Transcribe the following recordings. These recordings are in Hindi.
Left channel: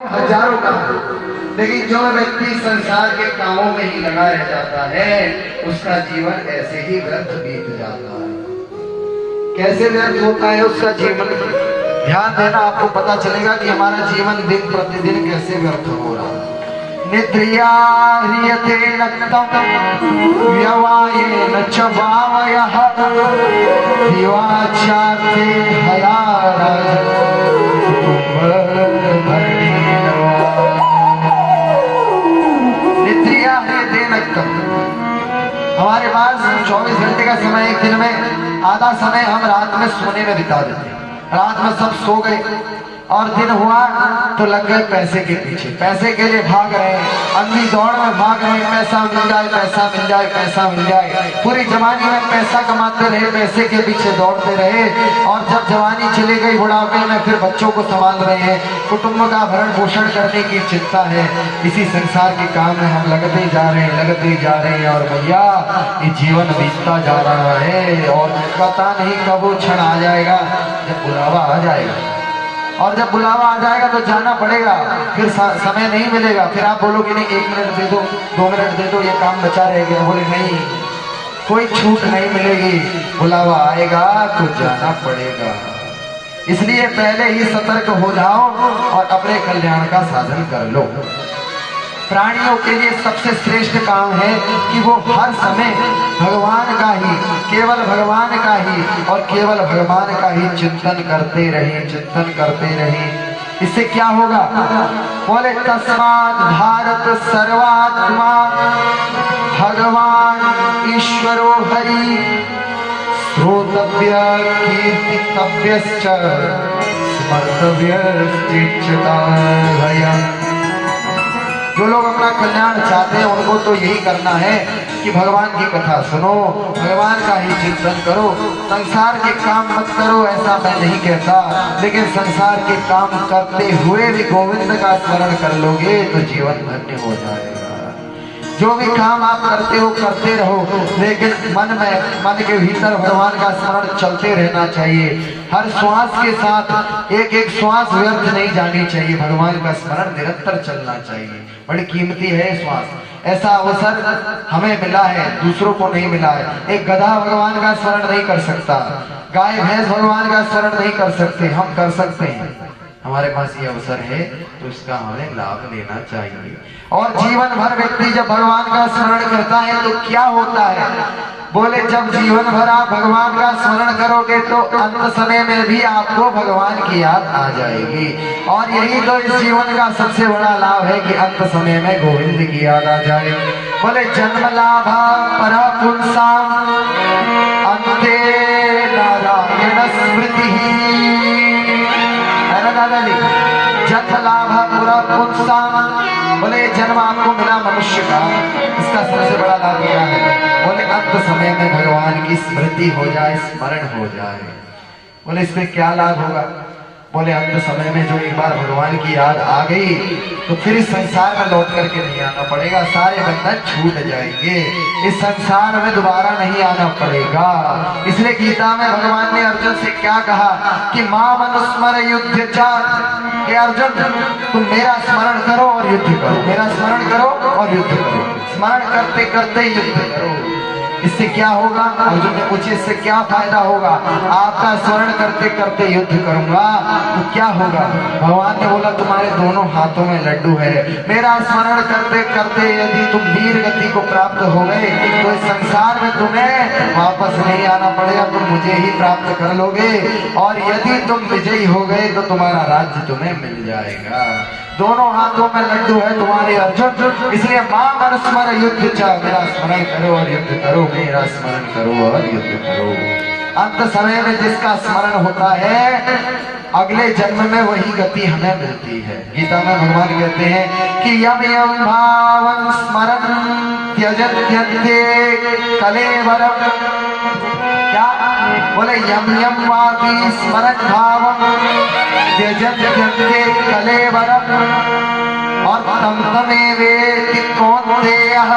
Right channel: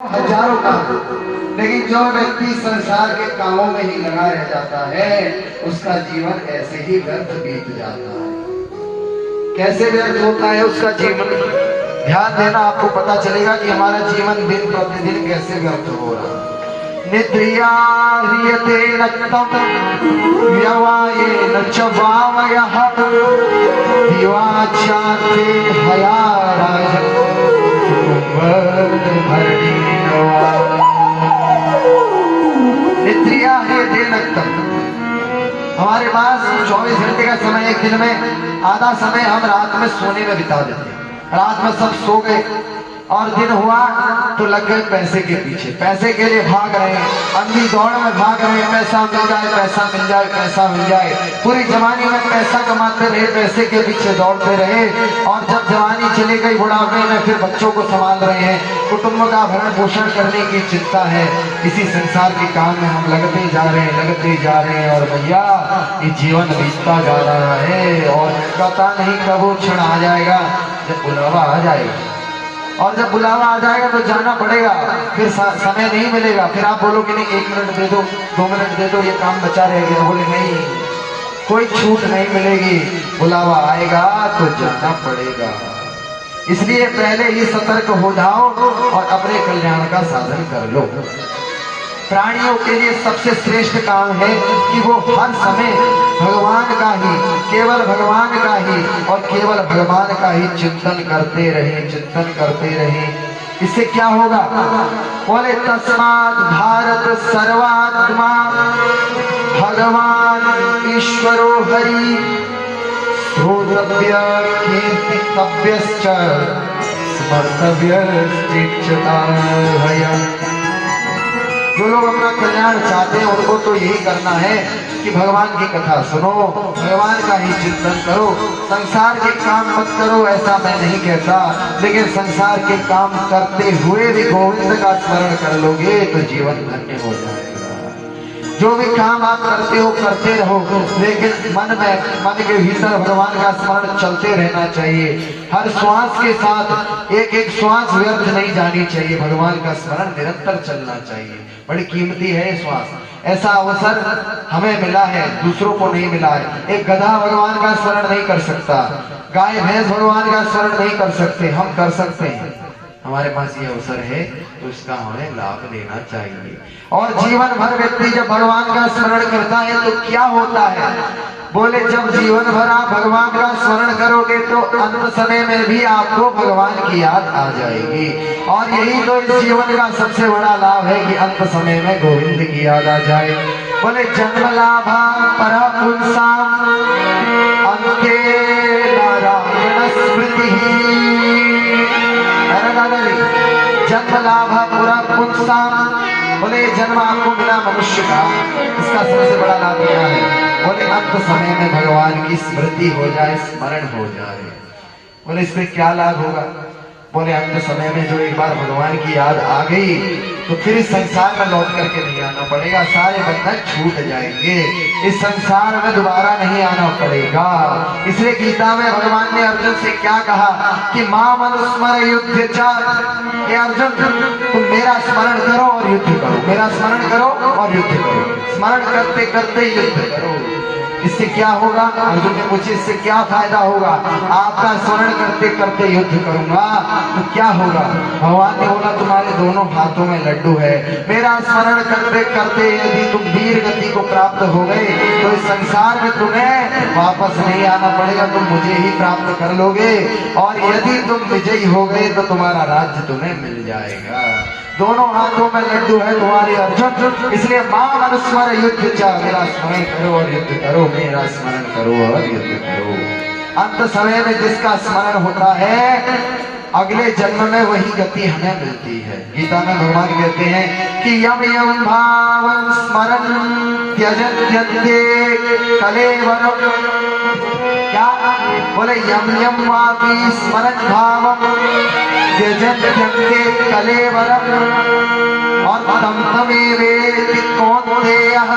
हजारों काम, लेकिन जो व्यक्ति संसार के कामों में ही लगा रह जाता है उसका जीवन ऐसे ही व्यर्थ बीत जाता है। कैसे व्यर्थ होता है उसका जीवन, ध्यान देना, आपको पता चलेगा कि हमारा जीवन दिन प्रतिदिन कैसे व्यर्थ हो रहा है। निद्रिया ह्रियते नक्तम व्यवायेन च वावयः दिवाचाते हयाराज हमारे पास 24 घंटे का समय, एक दिन में आधा समय हम रात में सोने में बिता देते हैं। रात में सब सो गए और दिन हुआ तो लग गए पैसे के पीछे, पैसे के लिए भाग रहे हैं, अंधी दौड़ में भाग रहे हैं, पैसा मिल जाए, पैसा मिल जाए, पैसा मिल जाए। पूरी जवानी में पैसा कमाते रहे, पैसे के पीछे दौड़ते रहे और जब जवानी चली गई बुढ़ापे में फिर बच्चों को संभाल रहे हैं, कुटुंब का भरण पोषण करने की चिंता है। इसी संसार के काम में हम लगते जा रहे हैं, लगते जा रहे हैं और भैया ये जीवन बीतता जा रहा है और पता नहीं कब वो क्षण आ जाएगा जब बुलावा आ जाएगा। और जब बुलावा आ जाएगा तो जाना पड़ेगा, फिर समय नहीं मिलेगा। फिर आप बोलोगे नहीं 1 मिनट दे दो, 2 मिनट दे दो, ये काम बचा रह गया। बोले नहीं, कोई छूट नहीं मिलेगी, बुलावा आएगा तो जाना पड़ेगा। इसलिए पहले ही सतर्क हो जाओ और अपने कल्याण का साधन कर लो। प्राणियों के लिए सबसे श्रेष्ठ काम है कि वो हर समय भगवान का ही, केवल भगवान का ही और केवल भगवान का ही चिंतन करते रहे, चिंतन करते रहे। इससे क्या होगा? बोले तस्मात् भारत सर्वात्मा भगवान ईश्वरो हरि श्रोतव्य कीर्तितव्यश्च स्मर्तव्यश्च भयम्। जो लोग अपना कल्याण चाहते हैं उनको तो यही करना है कि भगवान की कथा सुनो, भगवान का ही चिंतन करो, संसार के काम मत करो, ऐसा मैं नहीं कहता, लेकिन संसार के काम करते हुए भी गोविंद का स्मरण कर लोगे तो जीवन धन्य हो जाएगा। जो भी काम आप करते हो करते रहो, लेकिन मन के भीतर भगवान का स्मरण चलते रहना चाहिए। हर श्वास के साथ एक एक श्वास व्यर्थ नहीं जानी चाहिए, भगवान का स्मरण निरंतर चलना चाहिए। बड़ी कीमती है श्वास, ऐसा अवसर हमें मिला है, दूसरों को नहीं मिला है। एक गधा भगवान का स्मरण नहीं कर सकता, गाय भैंस भगवान का स्मरण नहीं कर सकते, हम कर सकते हैं। हमारे पास ये अवसर है तो इसका हमें लाभ लेना चाहिए। और जीवन भर व्यक्ति जब भगवान का स्मरण करता है तो क्या होता है? बोले जब जीवन भर आप भगवान का स्मरण करोगे तो अंत समय में भी आपको भगवान की याद आ जाएगी। और यही तो इस जीवन का सबसे बड़ा लाभ है कि अंत समय में गोविंद की याद आ जाए। बोले जन्म लाभ पर पुंसाम अंते नारायण स्मृति। जन्म लाभ पूरा पुंसाम, बोले जन्म आपको मिला मनुष्य का, इसका सबसे बड़ा लाभ क्या है? बोले अंत समय में भगवान की स्मृति हो जाए, स्मरण हो जाए। बोले इसमें क्या लाभ होगा? बोले अंत समय में जो एक बार भगवान की याद आ गई तो फिर इस संसार में लौट करके नहीं आना पड़ेगा, सारे बंधन छूट जाएंगे, इस संसार में दोबारा नहीं आना पड़ेगा। इसलिए गीता में भगवान ने अर्जुन से क्या कहा कि माम अनुस्मर युद्ध चार। अर्जुन तुम मेरा स्मरण करो और युद्ध करो, मेरा स्मरण करो और युद्ध करो, स्मरण करते करते युद्ध करो। इससे क्या होगा? अर्जुन ने पूछे इससे क्या फायदा होगा? आपका स्मरण करते करते युद्ध करूंगा तो क्या होगा? भगवान ने बोला तुम्हारे दोनों हाथों में लड्डू है, मेरा स्मरण करते करते यदि तुम वीर गति को प्राप्त हो गए तो इस संसार में तुम्हें वापस नहीं आना पड़ेगा, तुम मुझे ही प्राप्त कर लोगे। और यदि तुम विजयी हो गए तो तुम्हारा राज्य तुम्हें मिल जाएगा। दोनों हाथों में लड्डू है तुम्हारे अर्जुन, इसलिए मां अनुस्मर युद्ध च, मेरा स्मरण करो और युद्ध करो, मेरा स्मरण करो और युद्ध करो। अंत समय में जिसका स्मरण होता है अगले जन्म में वही गति हमें मिलती है। गीता में भगवान कहते हैं कि यम यम भाव स्मरण त्यजत्यन्ते कलेवरम। क्या बोले? यम यम वापि स्मरण भावम त्यजत्यन्ते कलेवरम और तम तमेवेति कौन्तेयः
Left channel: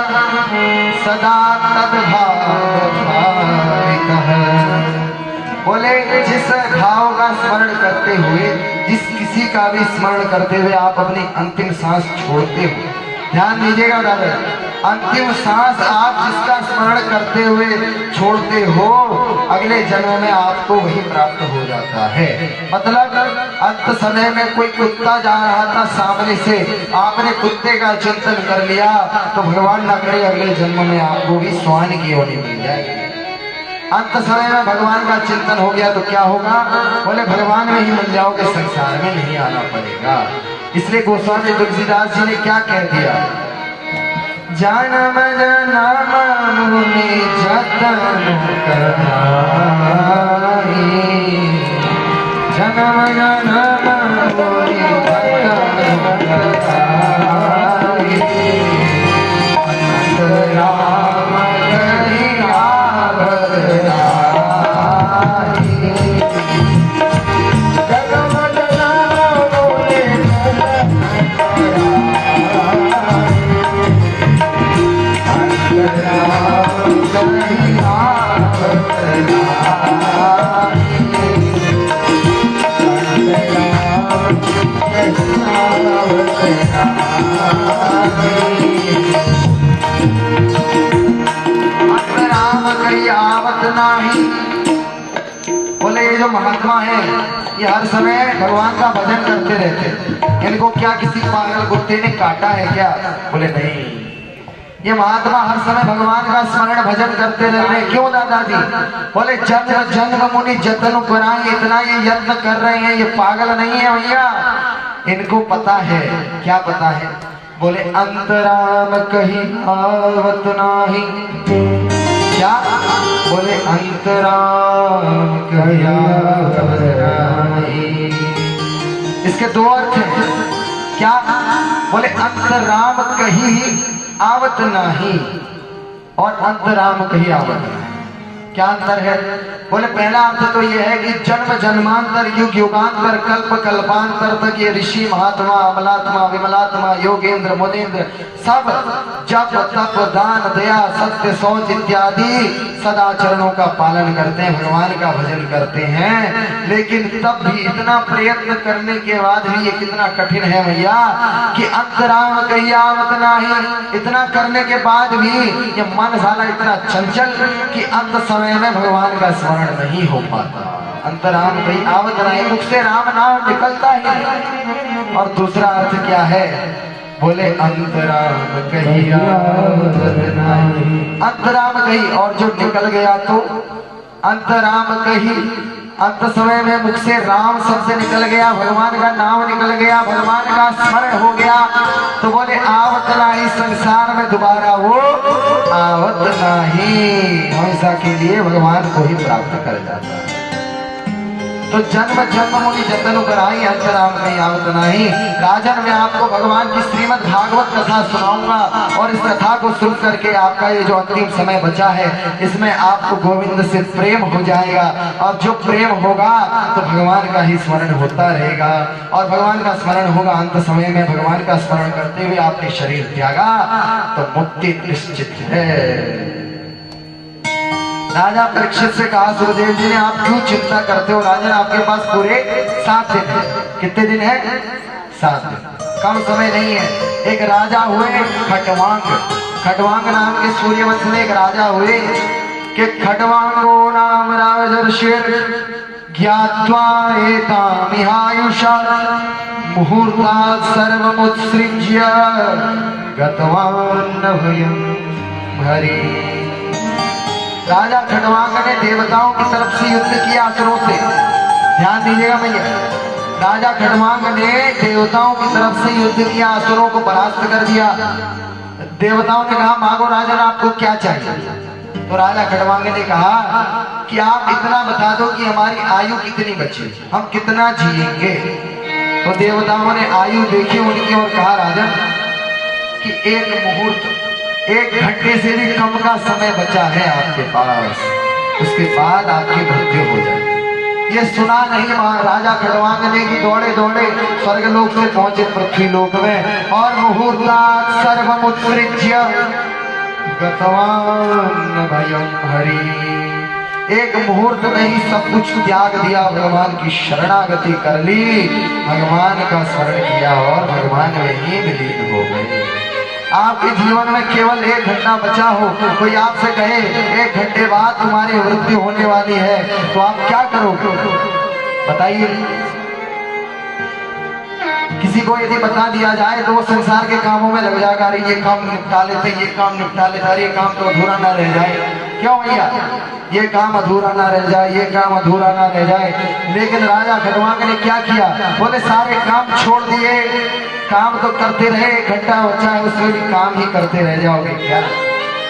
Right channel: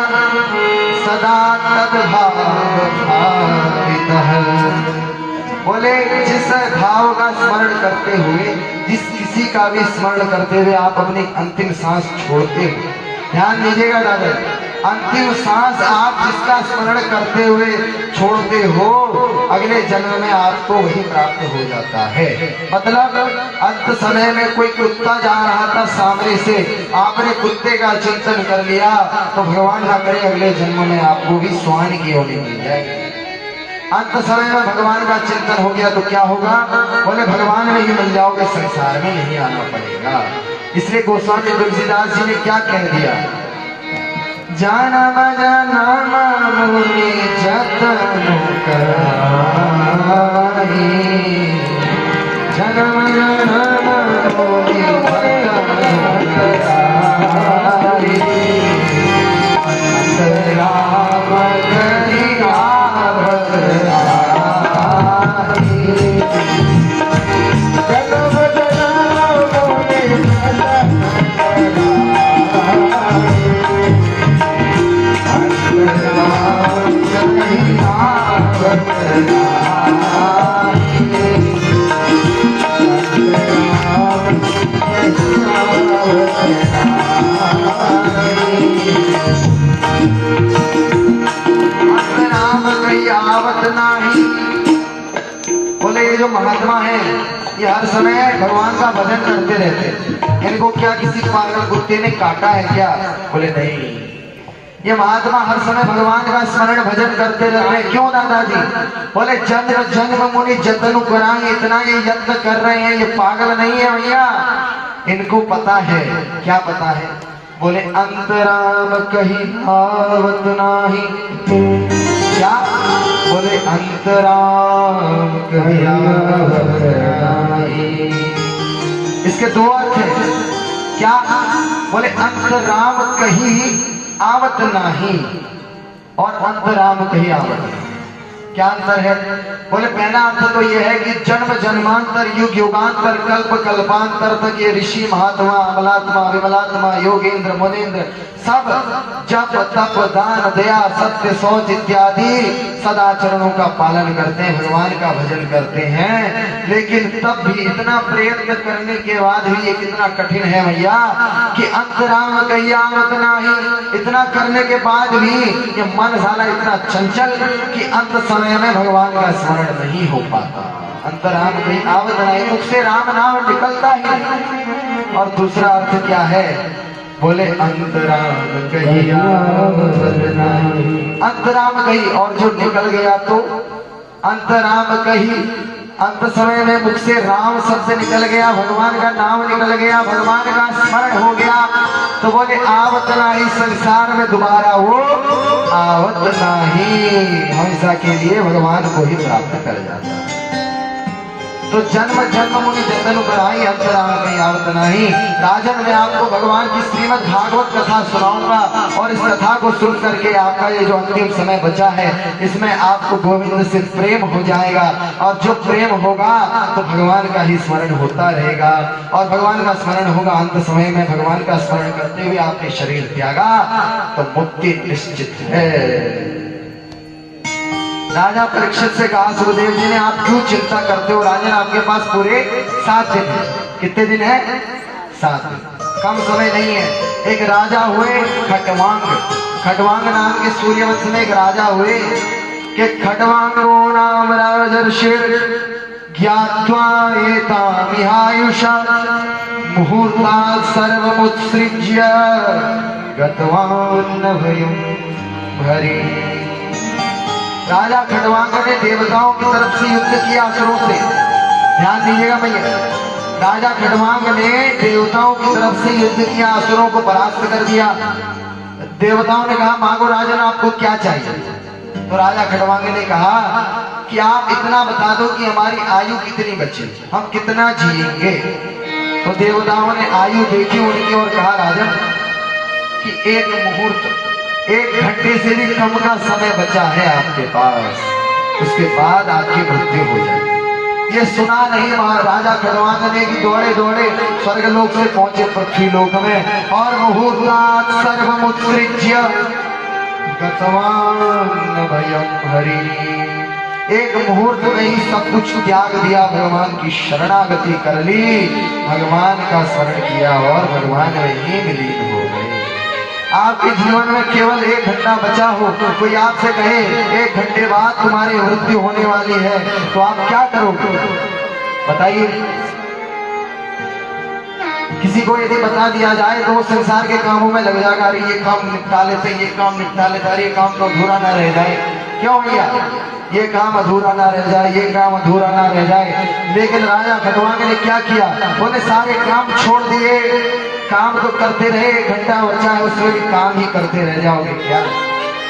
सदा तद्भावभावितः। बोले जिस भाव का स्मरण करते हुए, जिस किसी का भी स्मरण करते हुए आप अपनी अंतिम सांस छोड़ते हो, ध्यान दीजिएगा दादा, अंतिम सांस आप जिसका स्मरण करते हुए छोड़ते हो, अगले जन्म में आपको वही प्राप्त हो जाता है। मतलब अंत समय में कोई कुत्ता जा रहा था सामने से, आपने कुत्ते का चिंतन कर लिया तो भगवान ना करे अगले जन्म में आपको भी श्वान की योनि मिल जाएगी। अंत समय में भगवान का चिंतन हो गया तो क्या होगा? बोले भगवान में ही मिल जाओगे, संसार में नहीं आना पड़ेगा। इसलिए गोस्वामी तुलसीदास जी ने क्या कह दिया? जनम जनम मुनि जतन कराई, जनम जनम मुनि जतन कराई, अंतराम करी आवत आई, जनम जनम मुनि जतन बोले ये जो महात्मा है ये हर समय भगवान का भजन करते रहते हैं, इनको क्या किसी पागल कुत्ते ने काटा है क्या? बोले नहीं, ये महात्मा हर समय भगवान का स्मरण भजन करते रहते हैं। क्यों दादाजी? बोले जन्म जन्म मुनि जतन कराएं, इतना ये यत्न कर रहे हैं, ये पागल नहीं है भैया, इनको पता है। क्या पता है? बोले अंतराम कहीं आवत नाही, क्या? बोले अंतराम कहीं आवत नाही। इसके दो अर्थ हैं। क्या? बोले अंतराम कहीं आवत नाही और अंतराम कहीं आवत नहीं। क्या अंतर है? बोले पहला अर्थ तो यह है कि जन्म जन्मांतर युग युगांतर कल्प कल्पांतर तक ये ऋषि महात्मा अमलात्मा विमलात्मा योगेंद्र मुनेन्द्र सब जप तप दान दया सत्य शौच इत्यादि सदाचरणों का पालन करते हैं, भगवान का भजन करते हैं। लेकिन तब भी इतना प्रयत्न करने के बाद भी ये कितना कठिन है भैया कि अंतराम कहीं आवत नाही, इतना करने के बाद भी ये मन साला इतना चंचल कि अंत समय में भगवान का स्मरण नहीं हो पाता। अंतराम कहीं आवत नहीं, मुख से राम नाम निकलता ही नहीं। और दूसरा अर्थ क्या है? बोले अंतराम कहीं आवत नहीं, अंतराम कहीं, और जो निकल गया तो अंतराम कहीं, अंत समय में मुख से राम शब्द निकल गया, भगवान का नाम निकल गया, भगवान का स्मरण हो गया, तो बोले आवत नहीं, संसार में दोबारा वो आवत नहीं, हमेशा के लिए भगवान को ही प्राप्त कर जाता है। तो जन्म जन्म मुनि जतन कराई, अंतराम कहीं आवत नहीं। राजन मैं आपको भगवान की श्रीमद् भागवत कथा सुनाऊंगा और इस कथा को सुन करके आपका ये जो अंतिम समय बचा है इसमें आपको गोविंद से प्रेम हो जाएगा, और जो प्रेम होगा तो भगवान का ही स्मरण होता रहेगा, और भगवान का स्मरण होगा। अंत समय में भगवान का स्मरण करते हुए आपने शरीर त्यागा तो मुक्ति निश्चित है। राजा परीक्षित से कहा सुखदेव जी ने, आप क्यों चिंता करते हो? राजन आपके पास पूरे 7 दिन है। कितने दिन है? 7 दिन, कम समय नहीं है। एक राजा हुए खटवांग, खटवांग नाम के सूर्यवंश में एक राजा हुए कि खटवांगो नाम राजर्षिर ज्ञात्वा एतामिहायुषा मुहूर्तात् सर्वमुत्सृज्य गतवान् भयं भरी। राजा खटवांग ने देवताओं की तरफ से युद्ध किया असुरों से। ध्यान दीजिएगा भैया, राजा खटवांग ने देवताओं की तरफ से युद्ध किया, असुरों को परास्त कर दिया। देवताओं ने कहा मांगो राजन आपको क्या चाहिए? तो राजा खटवांग ने कहा कि आप इतना बता दो कि हमारी आयु कितनी बची, हम कितना जिएंगे। तो देवताओं ने आयु देखी उनकी और कहा राजन कि 1 मुहूर्त 1 घंटे से भी कम का समय बचा है आपके पास, उसके बाद आपकी मृत्यु हो जाए। ये सुना नहीं महाराजा खटवांग ने कि दौड़े दौड़े स्वर्गलोक से पहुंचे पृथ्वी लोक में, और मुहूर्तात् सर्वमुत्सृज्य गतवान् भयं हरि। एक मुहूर्त में ही सब कुछ त्याग दिया, भगवान की शरणागति कर ली, भगवान का स्मरण किया और भगवान में ही विलीन हो गए। आपके जीवन में केवल 1 घंटा बचा हो, कोई आपसे कहे 1 घंटे बाद तुम्हारी मृत्यु होने वाली है, तो आप क्या करोगे बताइए? किसी को यदि बता दिया जाए तो वो संसार के कामों में लग जाएगा, अरे ये काम निपटा लेते, ये काम निपटा लेते, अरे ये काम तो अधूरा ना रह जाए। क्यों भैया? ये काम अधूरा ना रह जाए, ये काम अधूरा ना रह जाए। लेकिन राजा खटवांग ने क्या किया? बोले सारे काम छोड़ दिए, काम तो करते रहे, 1 घंटा बचा है उसमें भी काम ही करते रह जाओगे क्या?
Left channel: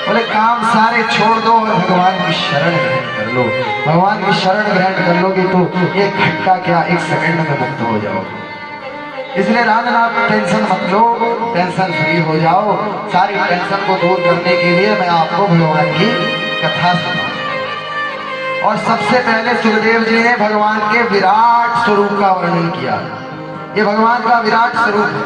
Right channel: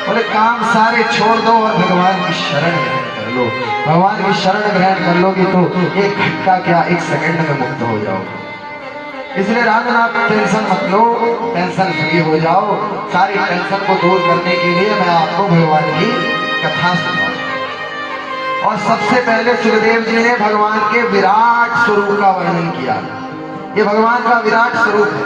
बोले काम सारे छोड़ दो और भगवान की शरण ग्रहण कर लो। भगवान की शरण ग्रहण कर लोगे तो 1 घंटा क्या 1 सेकंड में मुक्त हो जाओगे। इसलिए राजा आप टेंशन मत लो, टेंशन फ्री हो जाओ। सारी टेंशन को दूर करने के लिए मैं आपको भगवान की कथा सुनाऊं। और सबसे पहले सुखदेव जी ने भगवान के विराट स्वरूप का वर्णन किया। ये भगवान का विराट स्वरूप है।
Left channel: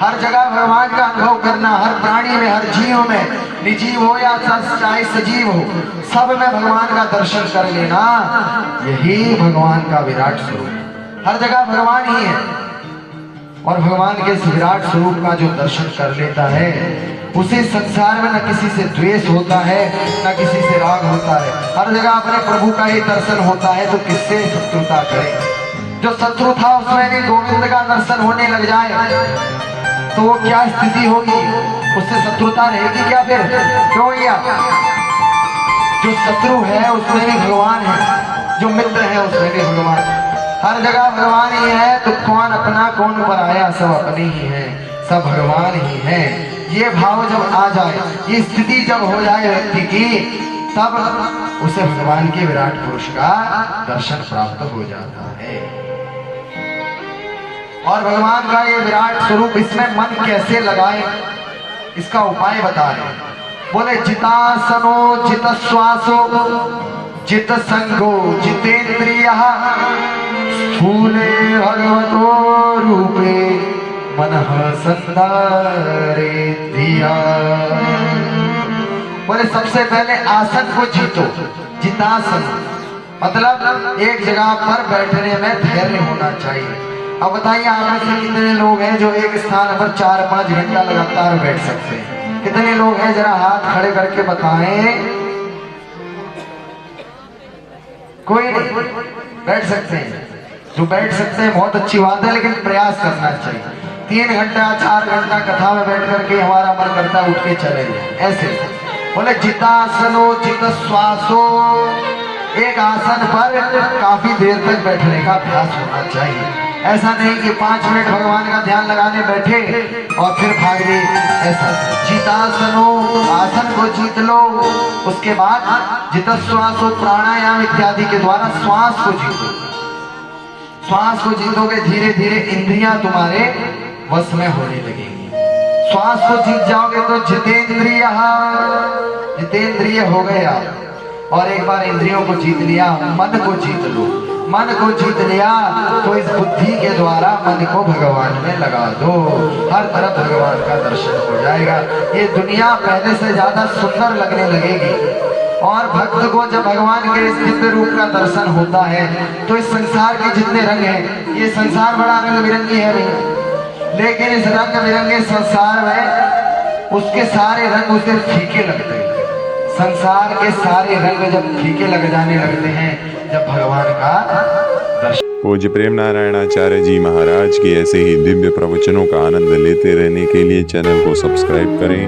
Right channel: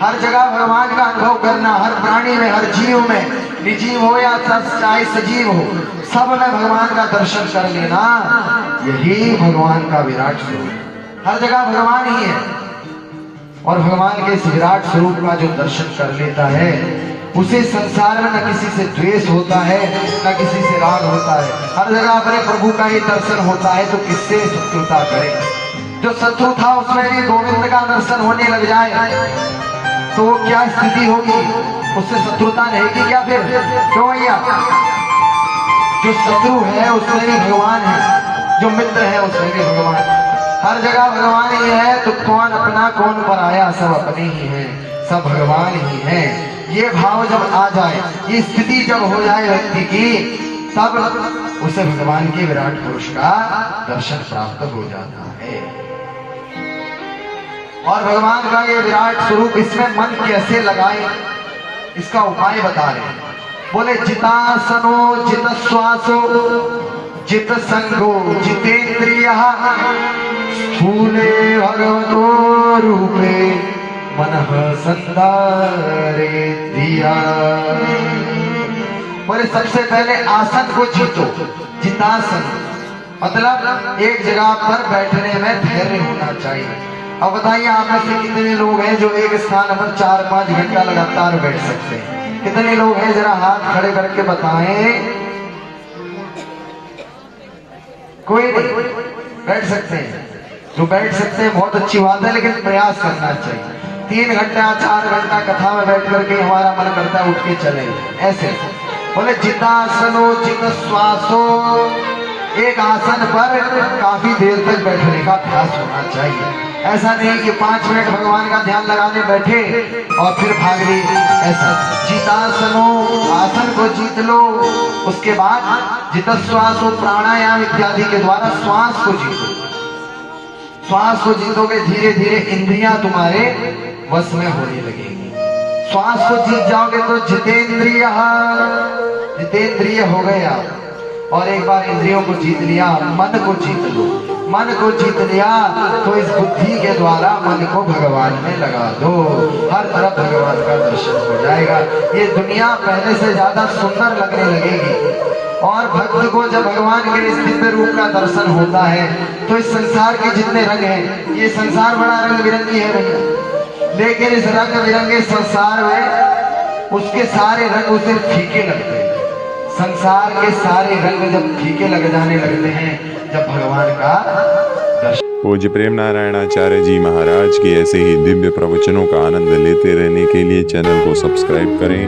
हर जगह भगवान का अनुभव करना, हर प्राणी में, हर जीव में, निर्जीव हो या चाहे सजीव हो, सब में भगवान का दर्शन कर लेना, यही भगवान का विराट स्वरूप है। हर जगह भगवान ही है और भगवान के इस विराट स्वरूप का जो दर्शन कर लेता है उसे संसार में न किसी से द्वेष होता है, न किसी से राग होता है। हर जगह अपने प्रभु का ही दर्शन होता है तो किससे शत्रुता करे? जो शत्रु था उसमें भी गोविंद का दर्शन होने लग जाए तो वो क्या स्थिति होगी? उससे शत्रुता रहेगी क्या फिर? क्यों भैया? जो शत्रु है उसमें भी भगवान है, जो मित्र है उसमें भी भगवान। हर जगह भगवान ही है तो कौन अपना कौन पराया, सब अपने ही है, सब भगवान ही है। ये भाव जब आ जाए, ये स्थिति जब हो जाए व्यक्ति की, तब उसे भगवान के विराट पुरुष का दर्शन प्राप्त हो जाता है। और भगवान का ये विराट स्वरूप, इसमें मन कैसे लगाए इसका उपाय बता रहे हैं। बोले जितासनो जित श्वासो जित संगो जितेंद्रिय स्थूले भगवतो रूपे मनः संधारे दिया। बोले सबसे पहले आसन को जीतो। जितासन मतलब एक जगह पर बैठने में धैर्य होना चाहिए। अब बताइए आप में से कितने लोग हैं जो एक स्थान पर 4-5 घंटा लगातार बैठ सकते हैं? कितने लोग हैं? जरा हाथ खड़े करके बताएं। कोई नहीं बैठ सकते हैं। जो बैठ सकते हैं बहुत अच्छी बात है, लेकिन प्रयास करना चाहिए। 3 घंटा 4 घंटा कथा में बैठ करके हमारा मन करता उठ के चले ऐसे। बोले जितासनो जित श्वासो, एक आसन पर काफी देर तक बैठने का अभ्यास होना चाहिए। ऐसा नहीं कि 5 मिनट भगवान का ध्यान लगाने बैठे और फिर भाग गए, ऐसा। जितासनो, आसन को जीत लो। उसके बाद जित श्वासो, प्राणायाम इत्यादि के द्वारा श्वास को जीतो। श्वास को जीतोगे धीरे धीरे इंद्रियां तुम्हारे वश में होने लगेंगी। श्वास को जीत जाओगे तो जितेंद्रिय, जितेंद्रिय हो गया। और एक बार इंद्रियों को जीत लिया, मन को जीत लो। मन को जीत लिया तो इस बुद्धि के द्वारा मन को भगवान में लगा दो, हर तरफ भगवान का दर्शन हो जाएगा। ये दुनिया पहले से ज्यादा सुंदर लगने लगेगी। और भक्त को जब भगवान के इस दिव्य रूप का दर्शन होता है तो इस संसार के जितने रंग हैं, ये संसार बड़ा रंग बिरंगी है नहीं, लेकिन इस रंग बिरंगे संसार में उसके सारे रंग उसे फीके लगते हैं। संसार के सारे रंग जब फीके लग जाने लगते हैं जब भगवान का दर्शन। पूज्य प्रेम नारायणाचार्य जी महाराज के ऐसे ही दिव्य प्रवचनों का आनंद लेते रहने के लिए चैनल को सब्सक्राइब करें।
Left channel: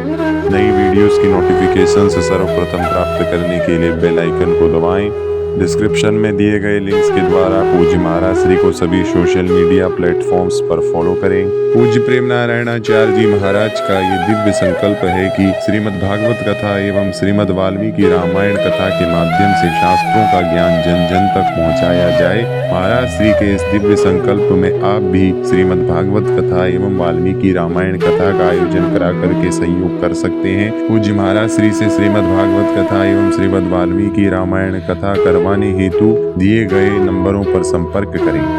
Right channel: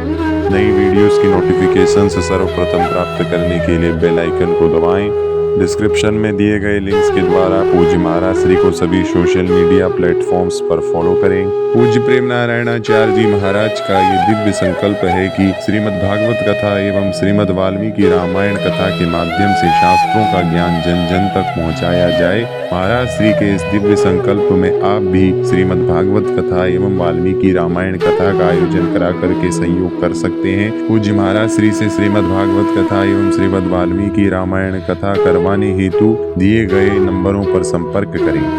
नई वीडियोस की नोटिफिकेशंस सर्वप्रथम प्राप्त करने के लिए बेल आइकन को दबाएं। डिस्क्रिप्शन में दिए गए लिंक्स के द्वारा पूज्य महाराज श्री को सभी सोशल मीडिया प्लेटफॉर्म्स पर फॉलो करें। पूज्य प्रेम नारायणाचार्य जी महाराज का ये दिव्य संकल्प है कि श्रीमद् भागवत कथा एवं श्रीमद् वाल्मीकि रामायण कथा के माध्यम से शास्त्रों का ज्ञान जन जन तक पहुंचाया जाए। महाराज श्री के इस दिव्य संकल्प में आप भी श्रीमद् भागवत कथा एवं वाल्मीकि रामायण कथा का आयोजन करा करके सहयोग कर सकते हैं। पूज्य महाराज श्री से श्रीमद् भागवत कथा एवं श्रीमद् वाल्मीकि रामायण कथा करवाने हेतु दिए गए नंबरों पर संपर्क करें।